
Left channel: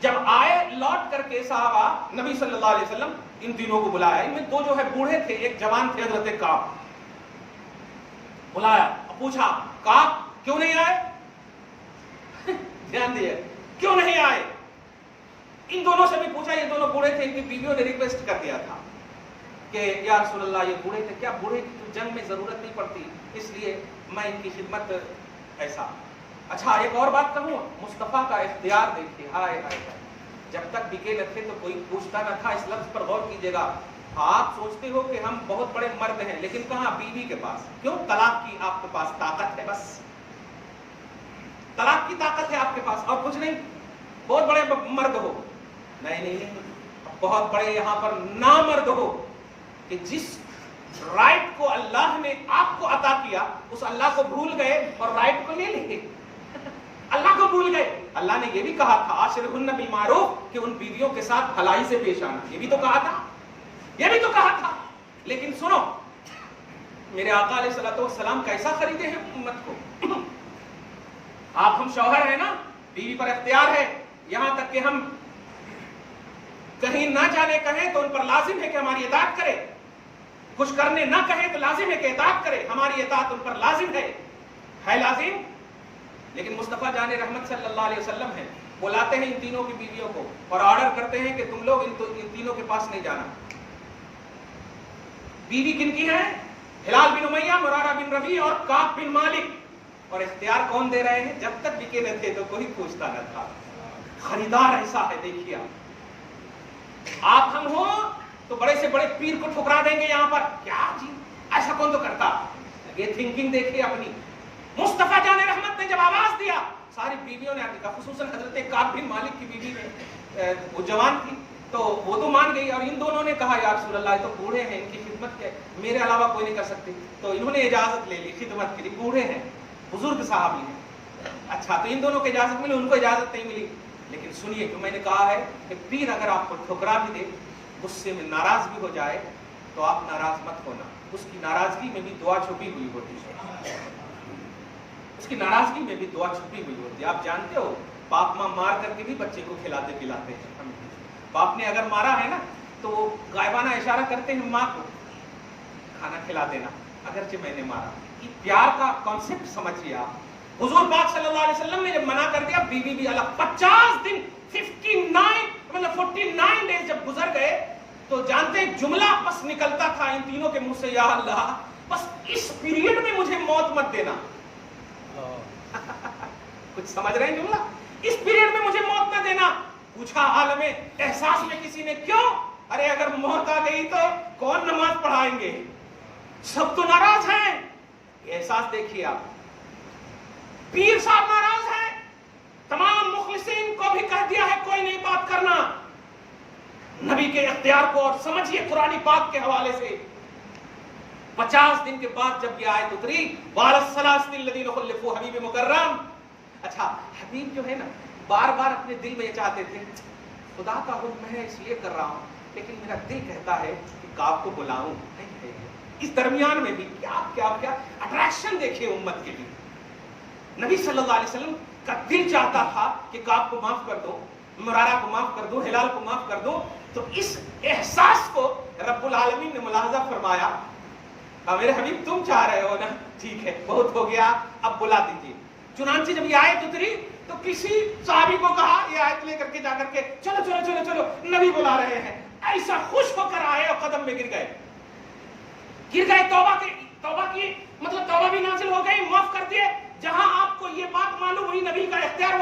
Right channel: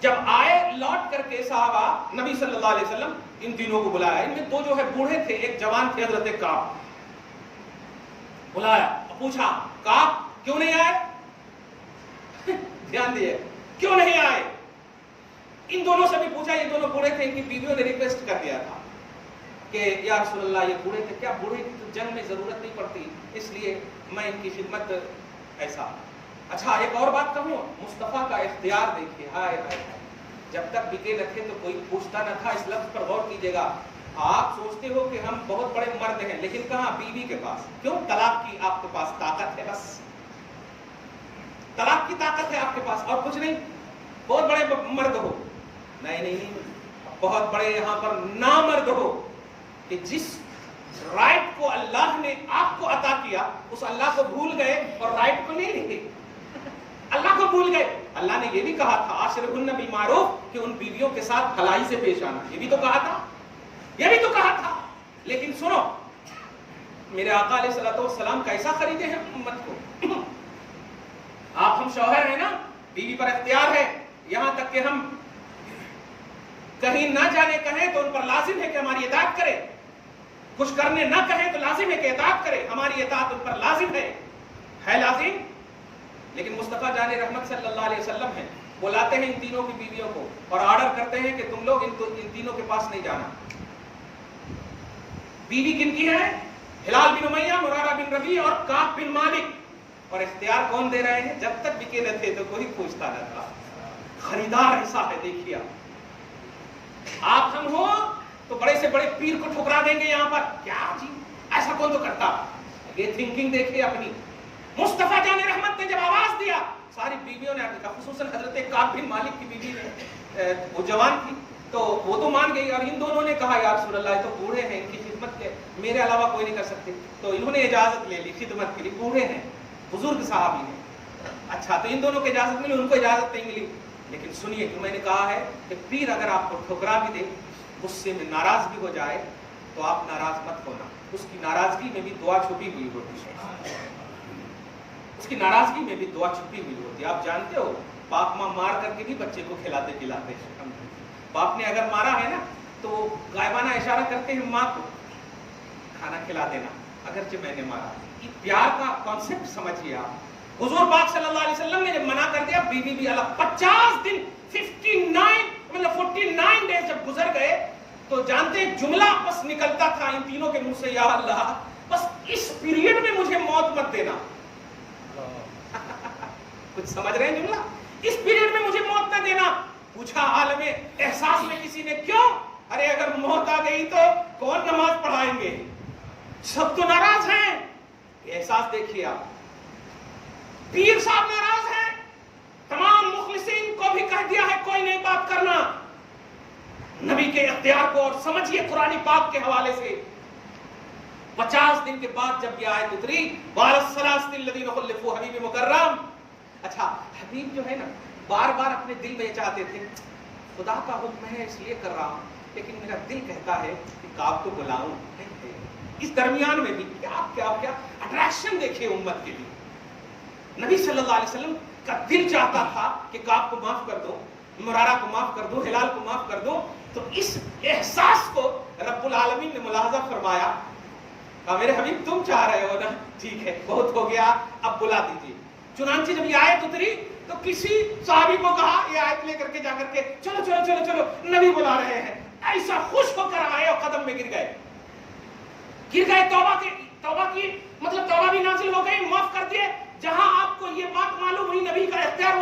جب آئے لوٹ کر کے صحابہ نبی صلی اللہ علیہ وسلم ان تینوں کو بلایا. ان میں 2 جو ہے بوڑھے تھے، ایک جوان تھے حضرت کعب. بلایا اور پوچھا کعب کیوں نہیں آئے؟ دھیان دیے کیوں نہیں آئے. ان دونوں سے بھی پوچھا. یہ دونوں بوڑھے تھے، ان کی بیویوں نے ریکویسٹ کر دیا تھا کہ یا رسول اللہ یہ بوڑھے تھے، کیا بوڑھے کی تو جنگ میں ضرورت نہیں پڑتی اس لیے میں ان کی خدمت ایسا. اچھا ایک اور بات کہوں، مصطفیٰ کا اختیار دیکھیے. ہائے ہائے ہائے، جب تک بکے نہ تھے تو کوئی پوچھتا نہ تھا. اس لفظ پر غور کیجیے گا. آپ سوچتے ہو کہ ہم بہت بڑے مرد ہیں لیکن کہاں بیوی کے پاس. کیوں؟ طلاق کی آپ کے پاس طاقت ہے، بس طلاق کی طاقت ہے آپ کے پاس اور کچھ نہیں. بہت بڑے مرد ہو، نہیں، بہت بڑے یہاں پر نامرد ہو کہ جس رائٹ کو اللہ نے آپ کو عطا کیا اس اللہ کو بھول گئے اور رائٹ کو لے لیں. اللہ کو بھول گئے. اللہ نے یہ بھی کہا تھا عاشرہن بالمعروف کہ ان بیویوں کے ساتھ بھلائی سے پیش آنا. یہ بھی تو کہا تھا. لیکن سنو، میرے آقا علیہ الصلوۃ والسلام کیسا خریدے ہیں امت کو. آپ ہم شوہر ہیں نا، بیوی پر اختیار ہے. یہاں تک کہ ہم کہیں نہ جانے کہیں تو ان پر لازم ہے کہ ہماری اطاعت کرے. کچھ کرنے نہ کہیں تو لازم ہے کہ اطاعت کرے. ہماری اطاعت ان پر لازم ہے لازم. لیکن مصطفیٰ جان رحمت صلی اللہ علیہ وسلم ہیں، بلاتے ہیں ان تینوں کی بیویوں کو اور آرڈر کرتے ہیں کہ تم لوگ ان تینوں کے پاس نہیں جانا. بیوی کن کی ہے؟ ہلال بن امیہ، مرارہ بن ربیع اور کعب بن مالک. اور اختیار کون دے رہے ہیں؟ جب تک بکے نہ تھے تو کوئی پوچھتا نہ تھا. خریدار ایسا ہے. دیکھیے آپ ہم ہو تو بڑے سے بڑے پیر کو ٹھکرا دیں گے یہاں پر. کیا جی ایسا کون تو کرتا. یہ تھنکنگ دیکھیے اپنی. مصطفیٰ جان رحمت نے جب آواز دیا ساری بیویوں نے آگے کہا، خصوصاً حضرت کعب بن مالک کی بیوی نے، وہ جوان تھی تو وہ تو مان گئی. اور ان دونوں نے کہا یا رسول اللہ یہ تو بوڑھے ہیں، ان کی خدمت کے میرے علاوہ کوئی نہیں کر سکتے. تو انہوں نے اجازت لے لی خدمت کے لیے. بوڑھے ہیں، بزرگ صحابی ہیں. اچھا تو ان دونوں کو اجازت ملی، ان کو اجازت نہیں ملی. لیکن سنیے کہ میں نے کہا ہے کہ پیر اگر آپ کو ٹھکرا بھی دے، غصے میں ناراض بھی ہو جائے تو آپ ناراض مت ہونا. اس کی ناراضگی میں بھی دعا چھپی ہوئی ہوتی ہے. اس کی ناراضگی میں بھی دعا چھپی ہوئی ہوتی ہے. آپ جانتے ہو باپ ماں مار کر کے بھی بچے کو کھلاتے پلاتے ہیں. باپ نے اگر مارا ہے نا تو وہ غائبانہ اشارہ کرتے ہیں ماں کو کھانا کھلا دینا اگرچہ میں نے مارا. یہ پیار کا کانسیپٹ سمجھیے آپ. حضور پاک صلی اللہ علیہ وسلم نے جب منع کر دیا بیوی بھی الگ. 50 دن 49 ڈیز جب گزر گئے تو جانتے ایک جملہ بس نکلتا تھا ان تینوں کے منہ سے، یا اللہ بس اس پیریڈ میں مجھے موت مت دینا. کچھ سمجھ رہے ہیں جملہ؟ اس پیریڈ میں مجھے موت نہ دینا. پوچھا عالم احساس میں کسی نے کیوں؟ ارے اگر موت آ گئی تو کون نماز پڑھائیں گے؟ سب تو ناراض ہیں. یہ احساس دیکھیے آپ. پیر صاحب ناراض ہیں. تمام مخلصین کو بھی کہہ دیا ہے کوئی نہیں بات کرنا. نبی کے اختیار کو اور سمجھیے قرآن پاک کے حوالے سے 50 دن کے بعد جب یہ آیت اتری وَالَسَّلَاسِلِ الَّذِينَ خُلِّفُوا حبیب مکرم. اچھا حبیب جو ہے نا بار بار اپنے دل میں یہ چاہتے تھے خدا کا حکم ہے اس لیے کر رہا ہوں لیکن میرا دل کہتا ہے کہ کعب کو بلاؤں. اس درمیان میں بھی کیا کیا کیا اٹریکشن دیکھے امت کے لیے. نبی صلی اللہ علیہ وسلم کا دل چاہتا تھا کہ کعب کو معاف کر دو، مرارہ کو معاف کر دو، ہلال کو معاف کر دو. تو اس احساس کو رب العالمین نے ملاحظہ فرمایا. میرے حبیب تم چاہ رہے ہو نا، ٹھیک ہے بہت ہو گیا اب بلا دیجیے. چنانچہ جب یہ آیت اتری تو کسی صحابی کو کہا یہ آیت لے کر کے جا کر کے چلو چلو چلو چلو نبی بلا رہے ہیں. ایسا خوش ہو کر آئے اور قدم میں گر گئے. توبہ کی مطلب توبہ بھی نازل ہو گئی، معاف کر دیے. جہاں آپ کو یہ بات معلوم ہوئی نبی کا اختیار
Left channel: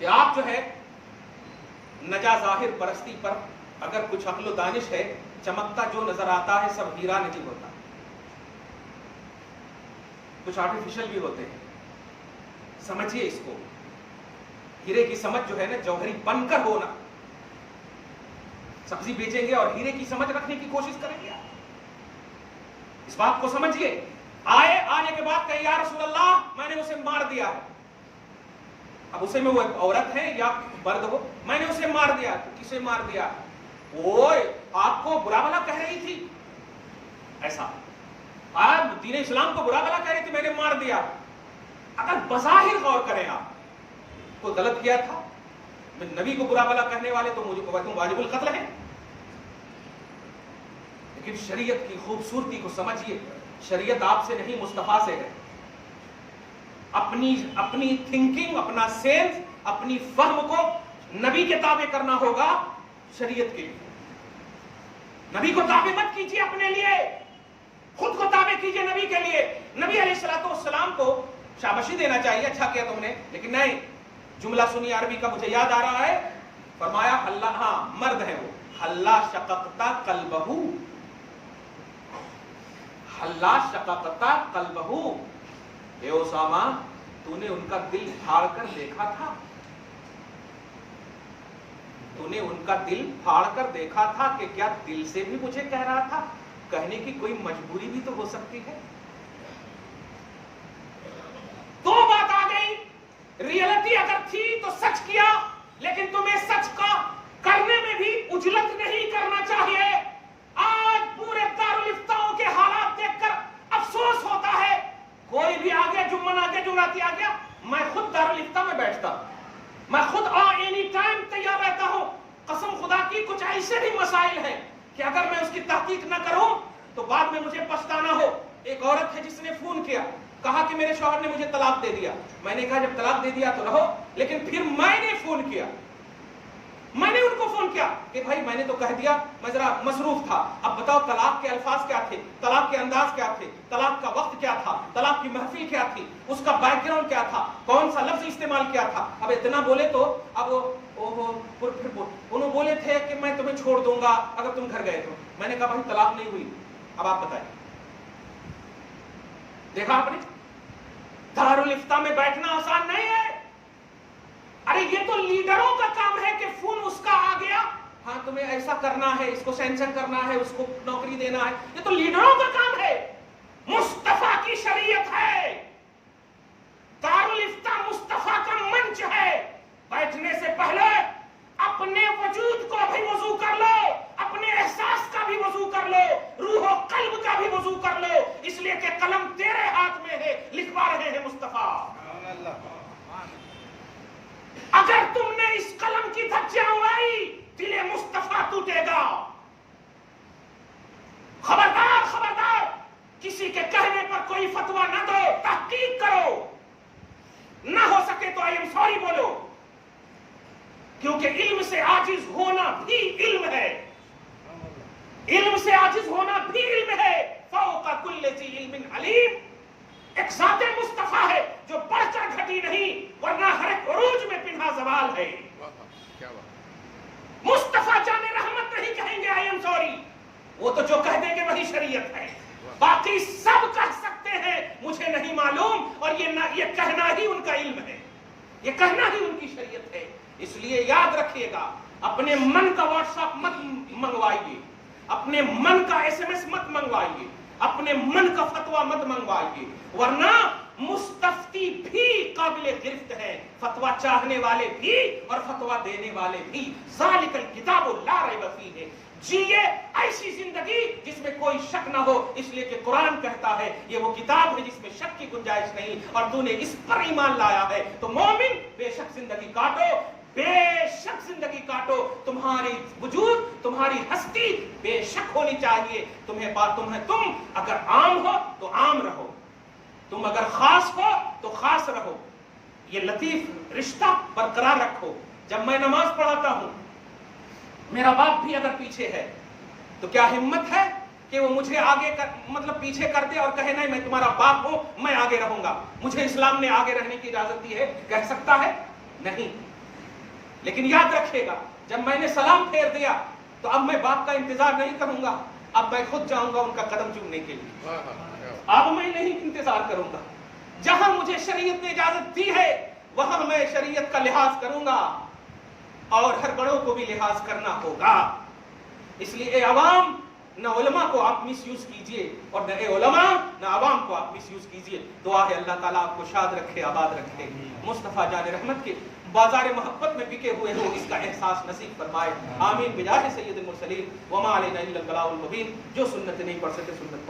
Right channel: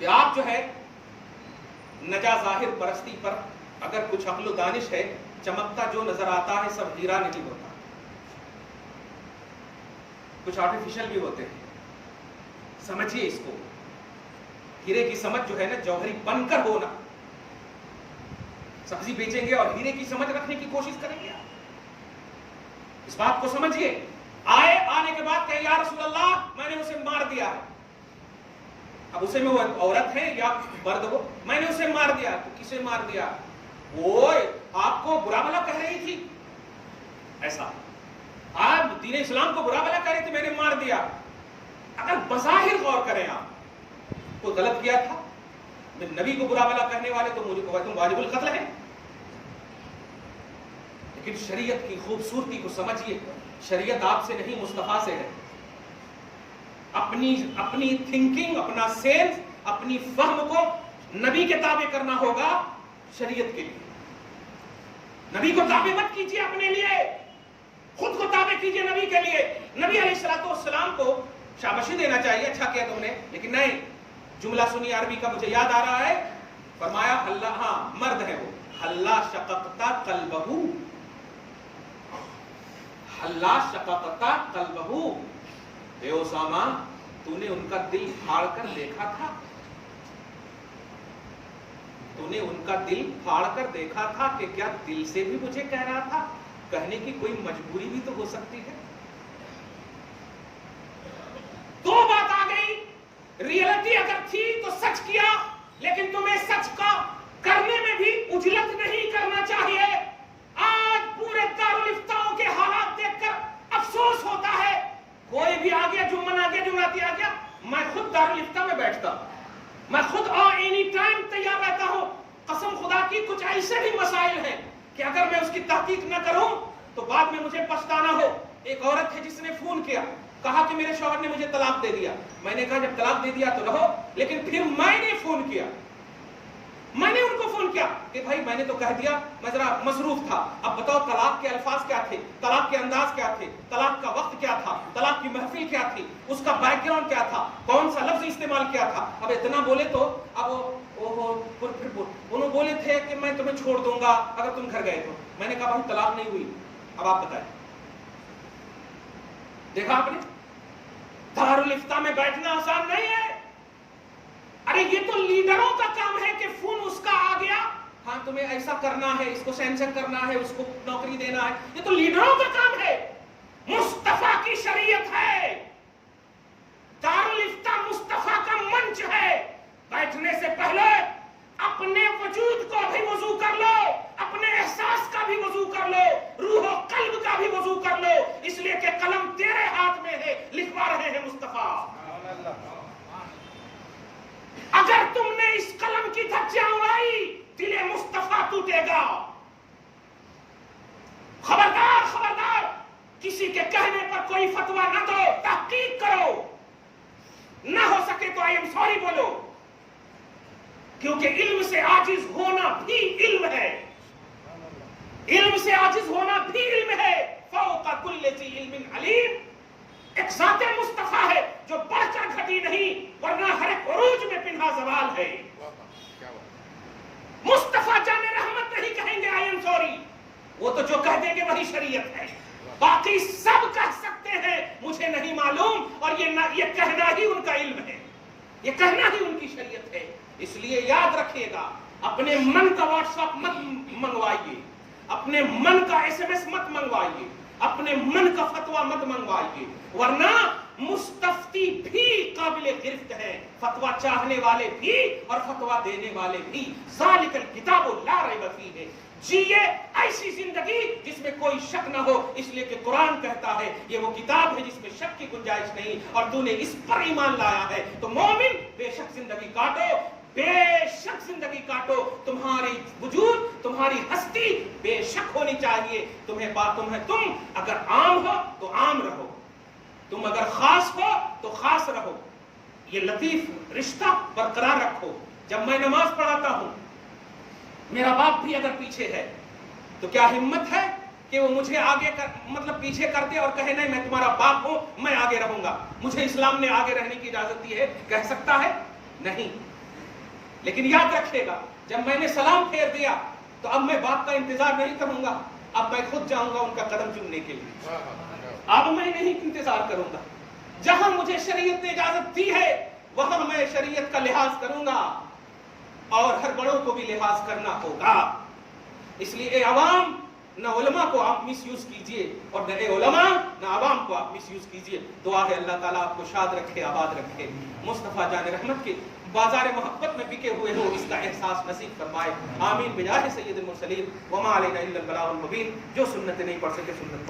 کہ آپ جو ہے نجا ظاہر پرستی پر اگر کچھ عقل و دانش ہے، چمکتا جو نظر آتا ہے سب ہیرا نہیں ہوتا، کچھ آرٹیفیشل بھی ہوتے ہیں. سمجھیے اس کو، ہیرے کی سمجھ جو ہے نا جوہری بن کر ہونا. سبزی بیچیں گے اور ہیرے کی سمجھ رکھنے کی کوشش کریں گے. اس بات کو سمجھیے. آنے کے بعد کہے یا رسول اللہ میں نے اسے مار دیا ہے. اب اسے میں وہ عورت ہے یا مرد ہو، میں نے اسے مار دیا. تو کسے مار دیا؟ وہ آپ کو برا بھلا کہہ رہی تھی، ایسا آپ دین اسلام کو برا بھلا کہہ رہی تھی، میں نے مار دیا. اگر بظاہر غور کریں آپ کوئی غلط کیا تھا، نبی کو برا بھلا کہنے والے تو مجھے واجب القتل ہے. لیکن شریعت کی خوبصورتی کو سمجھیے. شریعت آپ سے نہیں مصطفیٰ سے ہے. اپنی تھنکنگ، اپنا سینس، اپنی فہم کو نبی کے تابع کرنا ہوگا شریعت کے لیے. نبی کو تابع مت کیجیے اپنے لیے، خود کو تابع کیجیے نبی کے لیے. نبی علیہ السلام کو شاباشی دینا چاہیے، اچھا کیا تم نے، لیکن نہیں. جملہ سنی عربی کا مجھے یاد آ رہا ہے، فرمایا اللہ، ہاں مرد ہے وہ، اللہ شققتا قلبہو، اللہ شققتا قلبہو. اے اسامہ تو نے ان کا دل پھاڑ کر دیکھا تھا، تو نے ان کا دل پھاڑ کر دیکھا تھا کہ کیا دل سے بھی مجھے کہہ رہا تھا؟ کہنے کی کوئی مجبوری بھی تو ہو سکتی ہے. دو بات آ گئی. ریئلٹی اگر تھی تو سچ کیا، لیکن تمہیں سچ کا کرنے میں بھی اجلت نہیں کرنا چاہیے. آج پورے دارالفتاؤں کے حالات دیکھ کر افسوس ہوتا ہے. کوئی بھی آ گیا، جمعہ آ گیا، جمعاتی آ گیا، میں خود دارالفتاء میں بیٹھتا، میں خود اینی ٹائم تیار رہتا ہوں. قسم خدا کی کچھ ایسے بھی مسائل ہیں کہ اگر میں اس کی تحقیق نہ کروں تو بعد میں مجھے پچھتانا ہو. ایک عورت ہے جس نے فون کیا، کہا کہ میرے شوہر نے مجھے طلاق دے دیا. میں نے کہا جب طلاق دے دیا تو رہو، لیکن پھر میں نے فون کیا، میں نے ان کو فون کیا کہ بھائی میں نے تو کہہ دیا، میں ذرا مصروف تھا، اب بتاؤ طلاق کے الفاظ کیا تھے، طلاق کے انداز کیا تھے، طلاق کا وقت کیا تھا، طلاق کی محفل کیا تھی، اس کا بیک گراؤنڈ کیا تھا، کون سا لفظ استعمال کیا تھا. اب اتنا بولے تو اب انہوں بولے تھے کہ میں تمہیں چھوڑ دوں گا اگر تم گھر گئے تو. میں نے کہا بھائی طلاق نہیں ہوئی، اب آپ بتائیں. دیکھا آپ نے، دارالفتاء میں بیٹھنا آسان نہیں ہے. ارے یہ تو لیڈروں کا کام ہے کہ فون اس کا آ گیا، ہاں تمہیں ایسا کرنا ہے، اس کو سینکشن کرنا ہے، اس کو نوکری دینا ہے. یہ تو لیڈروں کا کام ہے. مصطفیٰ کی شریعت ہے، دارالفتاء مصطفیٰ کا منچ ہے. بیٹھنے سے پہلے اپنے وجود کو بھی وضو کر لو، اپنے احساس کا بھی وضو کر لو، روح و قلب کا بھی وضو کر لو، اس لیے کہ قلم تیرے ہاتھ میں ہے، لکھوا رہے ہیں مصطفیٰ. اگر تم نے اس قلم کی دھجیاں اڑائی، دل مصطفیٰ ٹوٹے گا. خبردار خبردار، کسی کے کہنے پر کوئی فتویٰ نہ دو، تحقیق کرو. نہ ہو سکے تو آئی ایم سوری بولو، کیونکہ علم سے عاجز ہونا بھی علم ہے. علم سے عاجز ہونا بھی علم ہے. فوق کل ذی علم علیم. ایک ذات مصطفیٰ ہے جو بڑھ کر گھٹی نہیں، ورنہ ہر ایک عروج میں پنہا زوال ہے. مصطفیٰ جان رحمت نہیں کہیں گے آئی ایم سوری، وہ تو جو کہہ دیں گے وہی شریعت ہے. باقی سب کہہ سکتے ہیں مجھے نہیں معلوم، اور یہ کہنا ہی ان کا علم ہے، یہ کہنا ہی ان کی شریعت ہے. اس لیے یاد رکھیے گا، اپنے من کا واٹس ایپ مت منگوائیے، اپنے من کا ایس ایم ایس مت منگوائیے، اپنے من کا فتویٰ مت منگوائیے، ورنہ مستفتی بھی قابل گرفت ہے، فتویٰ چاہنے والے بھی اور فتویٰ دینے والے بھی. ذالک الکتاب لا ریب فیہ. جیے ایسی زندگی جس میں کوئی شک نہ ہو، اس لیے کہ قرآن کہتا ہے یہ وہ کتاب ہے جس میں شک کی گنجائش نہیں، اور تو نے اس پر ایمان لایا ہے. تو مومن بے شک زندگی کاٹو، بے شک زندگی کاٹو. تمہاری وجود، تمہاری ہستی بے شک ہونی چاہیے. تم اگر عام ہو تو عام رہو، تم اگر خاص ہو تو خاص رہو. یہ لطیف رشتہ برقرار رکھو. جب میں نماز پڑھاتا ہوں، میرا باپ بھی اگر پیچھے ہے تو کیا ہمت ہے کہ وہ مجھے آگے پیچھے کر دے اور کہے نہیں میں تمہارا باپ ہوں، میں آگے رہوں گا، مجھے اسلام نے آگے رہنے کی اجازت دی ہے؟ کہہ سکتا ہے؟ نہیں. لیکن یاد رکھے گا جب میں نے سلام پھیر دیا تو اب میں باپ کا انتظار نہیں کروں گا، اب میں خود جاؤں گا ان کا قدم چومنے کے لیے، اب میں نہیں انتظار کروں گا، جہاں مجھے شریعت نے اجازت دی ہے وہاں میں شریعت کا لحاظ کروں گا اور ہر بڑوں کو بھی لحاظ کرنا ہوگا۔ اس لیے اے عوام، نہ علماء کو آپ مس یوز کیجئے اور نہ اے علماء نہ عوام کو آپ مس یوز کیجئے۔ دعا ہے اللہ تعالیٰ آپ کو شاد رکھے، آباد رکھے، مصطفیٰ جان رحمت کے بازار محبت میں بکے ہوئے ہو اس کا احساس نصیب فرمائے، آمین بجاہ سید المرسلین، وما علینا الا البلاغ المبین۔ جو سنت نہیں پڑھ سکے سنت پڑھ